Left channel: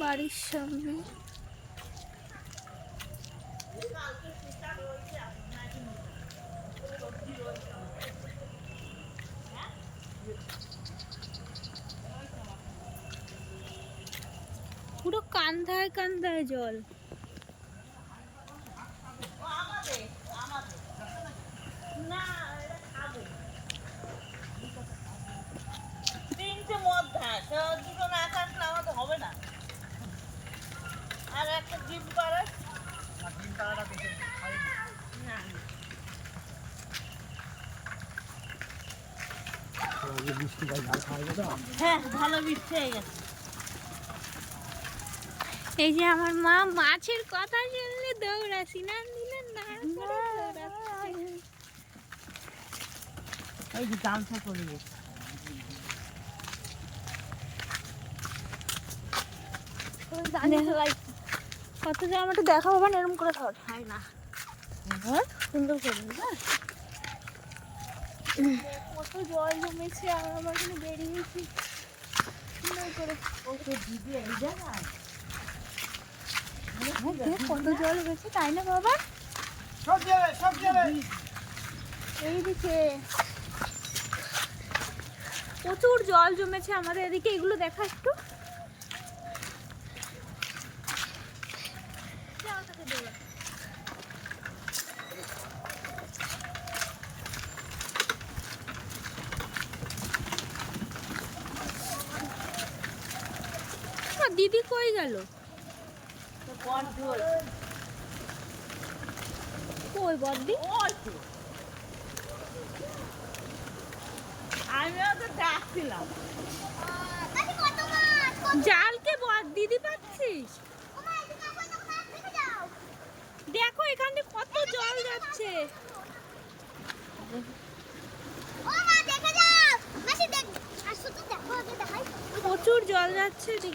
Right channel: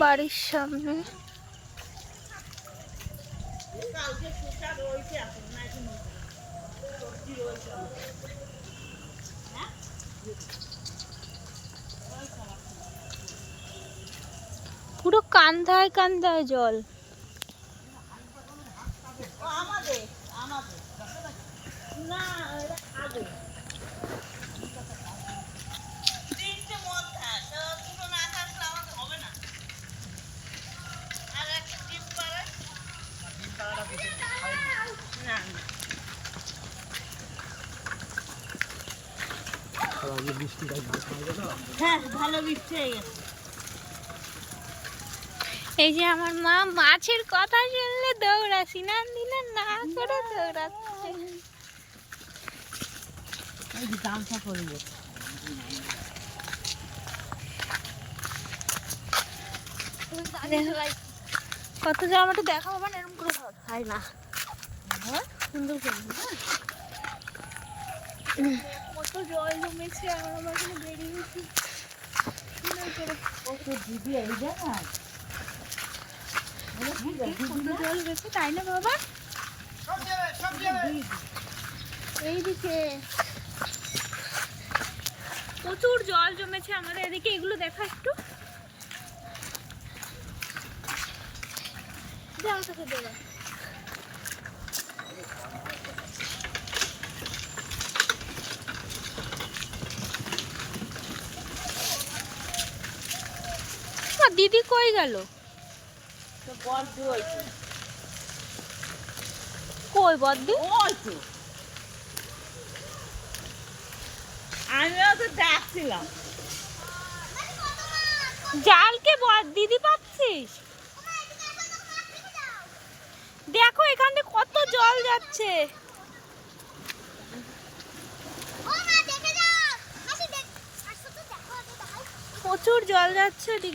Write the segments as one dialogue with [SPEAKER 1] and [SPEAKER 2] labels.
[SPEAKER 1] বাড়ির সামনে। পুরো কান্দায় কান্দায় জল।
[SPEAKER 2] তিনটে মদ ঘাস দুটো না থাকলে আমাদের হবে না আর একটা ডিম পাড়ে না হ্যাঁ ভালো বৃষ্টি হয়ে গেছে।
[SPEAKER 1] এই যে আমার মা মাছের কথা শুনলে দৌড়াছি না দিলে না করে দৌড়াচ্ছে।
[SPEAKER 2] এই যে গামছা পরিয়ে
[SPEAKER 1] দেখো, কত আমাকে দেখা হবে না এরকম করে ধর।
[SPEAKER 2] হয় না।
[SPEAKER 1] সুন্দর করে না? কত জল জমেছে আমরা আমার এখানে বেরিয়েছি সুন্দর করে।
[SPEAKER 2] ওকে এই জায়গায়
[SPEAKER 1] কত জল গেছে তাই না বাবা? এইদিকে প্রচুর জল জমেছে আমাদের এদিকে এগুলো দেখা একটু। দে আমার কাছে দে। আ, দিদি কই গেল? কই জালকে বদ দিদি পাচ্ছিস? দেখো, এখান থেকে কত জল যাচ্ছে। প্রচুর জল যাচ্ছে দিক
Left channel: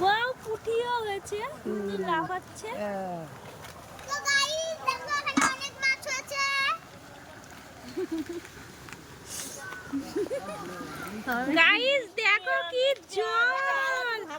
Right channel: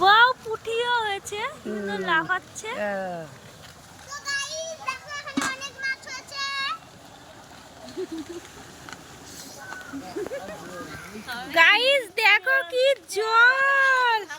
[SPEAKER 1] বাও পুঠিও হয়েছে। সুন্দর লাফাচ্ছে। গাইস দেখো কি জল।
[SPEAKER 2] না